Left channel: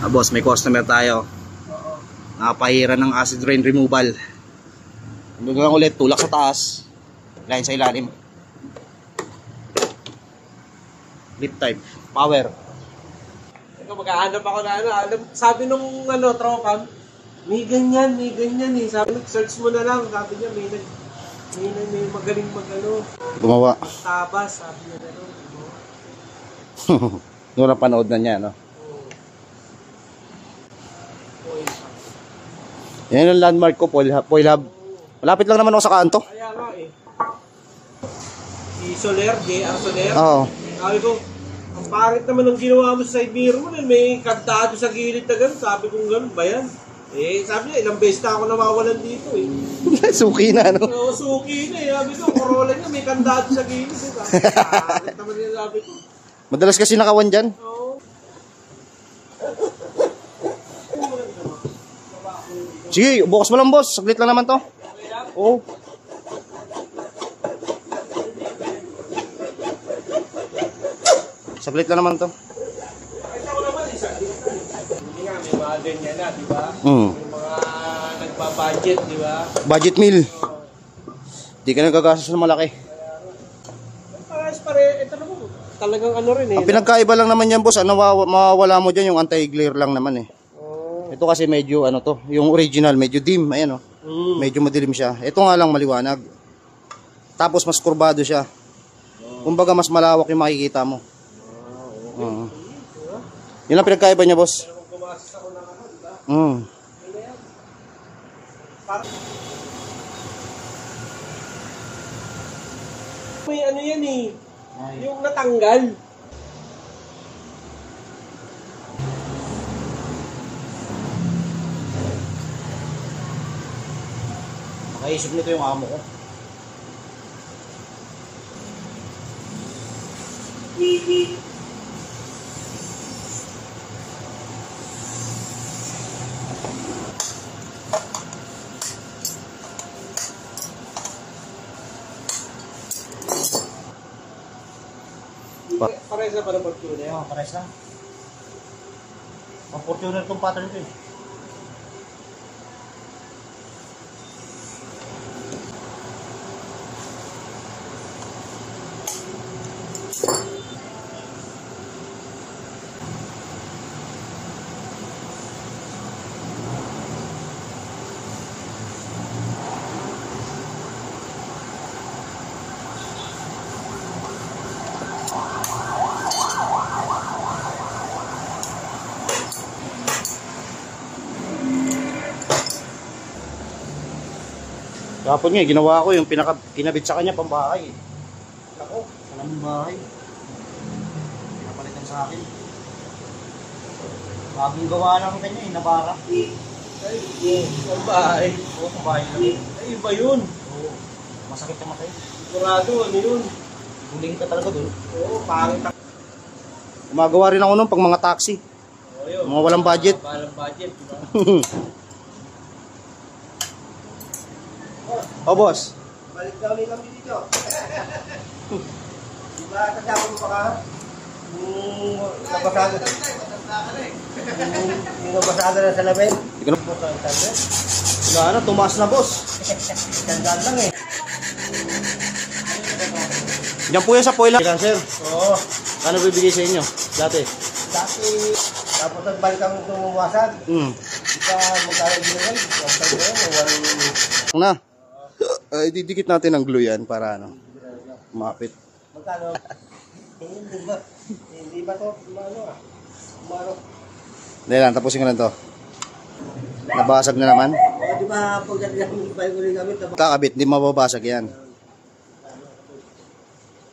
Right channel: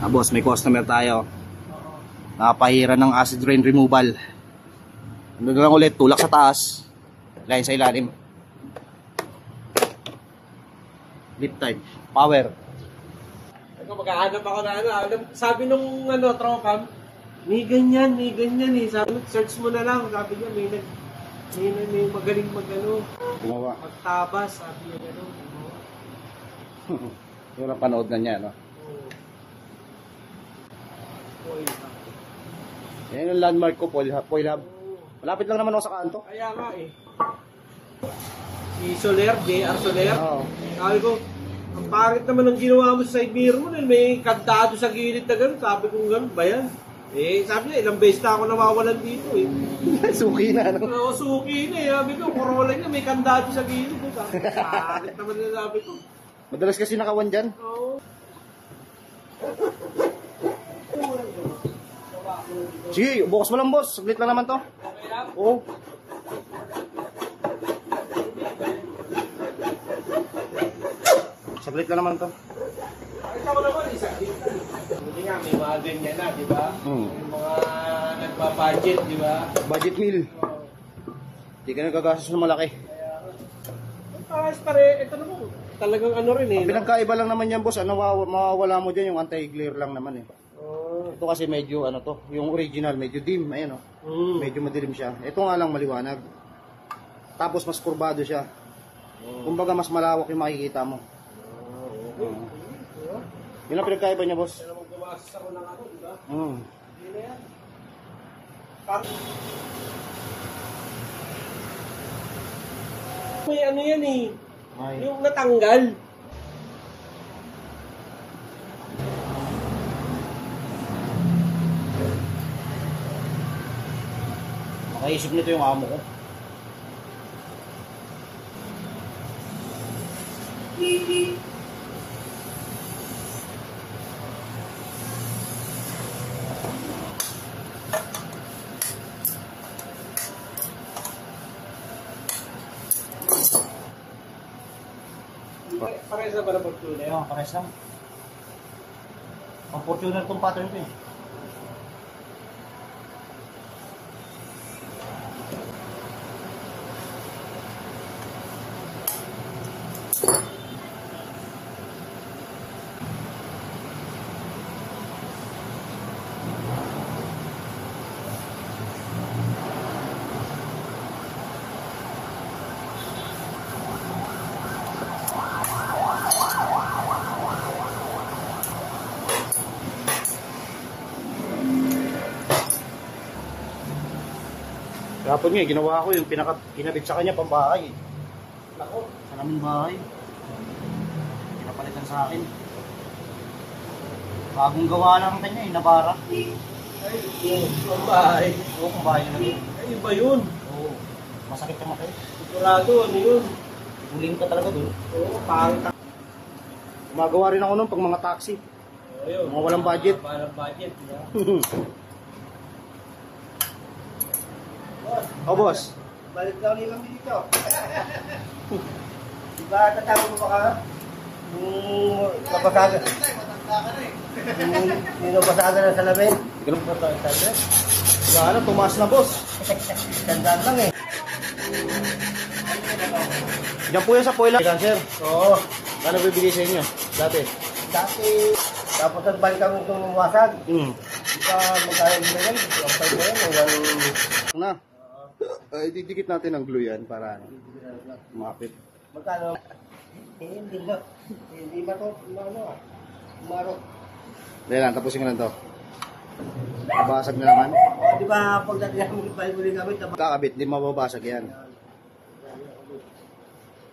Boss, may customer tayo. Nakapahira ng acid rain removal. Hindi lang ulit, tulak sa taas, line sa ilalim. Lip type, power. Ito, maghahanap ako na sabi nung tropa, may ganyan eh. Sabi, search mo na lang. Sabi niya, may magaling Gumawa. magtabas. Sabi niya gano'n. Yung napanood na niya, no? Yan yung landmark ko, Foil Hub. Malapit lang naman ako sa kanto. Kaya nga eh. Si Soler, JR Soler. Oo. Sabi ko, ang pangit naman ang ginawa mo sa side mirror mo. May kantado sa gilid na gano'n. Sabi ko gano'n ba yan? Sabi niya, ilang beses na ako nawawalan dito eh. Suki na, no? Oo, suki na eh. Sabi ko, Corolla niya, may kandado sa gilid. Pangit naman nila, sabi ko. Madalas kasi nakawan dyan. Oo. Sige, bukas mo lang, boss. Saglit lang naman to. Oo. Saglit lang naman to. Nakita ko naman, hindi nga, may mga din nga na, di ba? May mga nagpa-budget, di ba? Budget meal. Di ka nagagastos ng malaki. Ito naman, talagang rin eh. Ang pinagkaiba lang naman yan, boss, mawawala mo dyan yung anti-glare lang naman eh. Ito kasi medyo yung original medyo dim, ayan oh. Medyo madilim siya. Ito nga lang maliwanag. Tapos mas kurbado siya. Kumbaga mas malawak yung makikita mo. Yun lang pinagkaiba niya, boss. May yan eh. Yung natanggal. Makaisip nito yung amo ko. Parehas na ba na Fortuner? Oo, parehas lang. Ang Fortuner itong pattern ko eh. Kapon nga, ginawa ko yung kinabit sa kanya pambahay. Ako, sa naming bahay. Pinapalitan sa akin. Bagong gawa lang kanya eh, nabara. Pambahay. Oo, pambahay na lang. Ay, iba yun. Oo, masakit yung matay. Sigurado, yun? Guling ka talaga doon. Oo, pangit. Gumagawa rin ako nun pag mga taxi. Yun. Mga walang budget. Walang budget, diba? Oh, boss. Balik daw ni Mami dito. Diba, tatapos mo pa ka? Nabasada. Yung nabasada na sa lamin. Ikaw na. Wala na, tumaas na, boss. Tandaan lang eh. Diyan po yan sa Foil Hub. Sir, Oo. ano bibigay sa inyo? Dati. Dati, tapos nagbalik kami itong wasag. Di pa magkaya ginagay. Na. Didikit natin ang glue yan para mapit. Magkano? Hindi ba to? Umaro. Hindi lang, tapusin ko lang to. Nabasag na naman. O, di ba pag nagbalik ulit kami, Kakabit, di mababasag yan.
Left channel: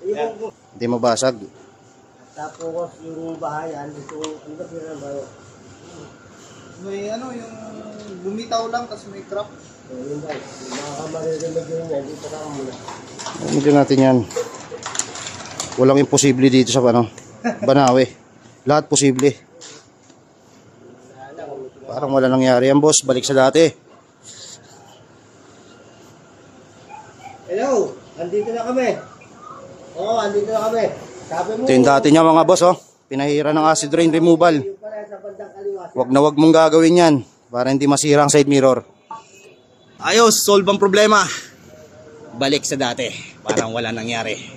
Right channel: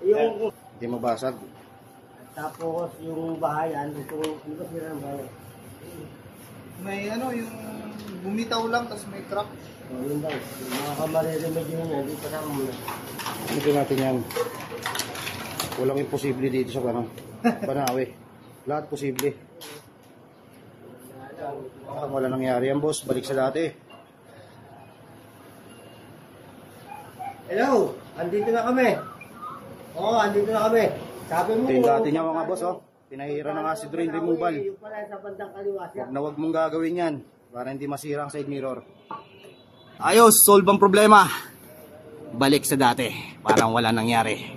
yung Di mabasag. tapos yung bahayan, ito, ano ba sila ng bahay? May yung bumitaw lang tapos may crack. So, yun guys, makakamaririnig yun yan, dito na muna. Hindi natin yan. Walang imposible dito sa Banawe. Lahat posible. Parang wala nangyari yan, boss. Balik sa dati. Hello, andito na kami. Oo, andito na kami. Sabi mo, Ito yung dati niya mga boss, oh. Pinahira ng acid rain removal. yung pala sa bandang kaliwa, Wag na wag mong gagawin yan para hindi masira ang side mirror. Ayos, solve ang problema. Balik sa dati, parang wala nangyari.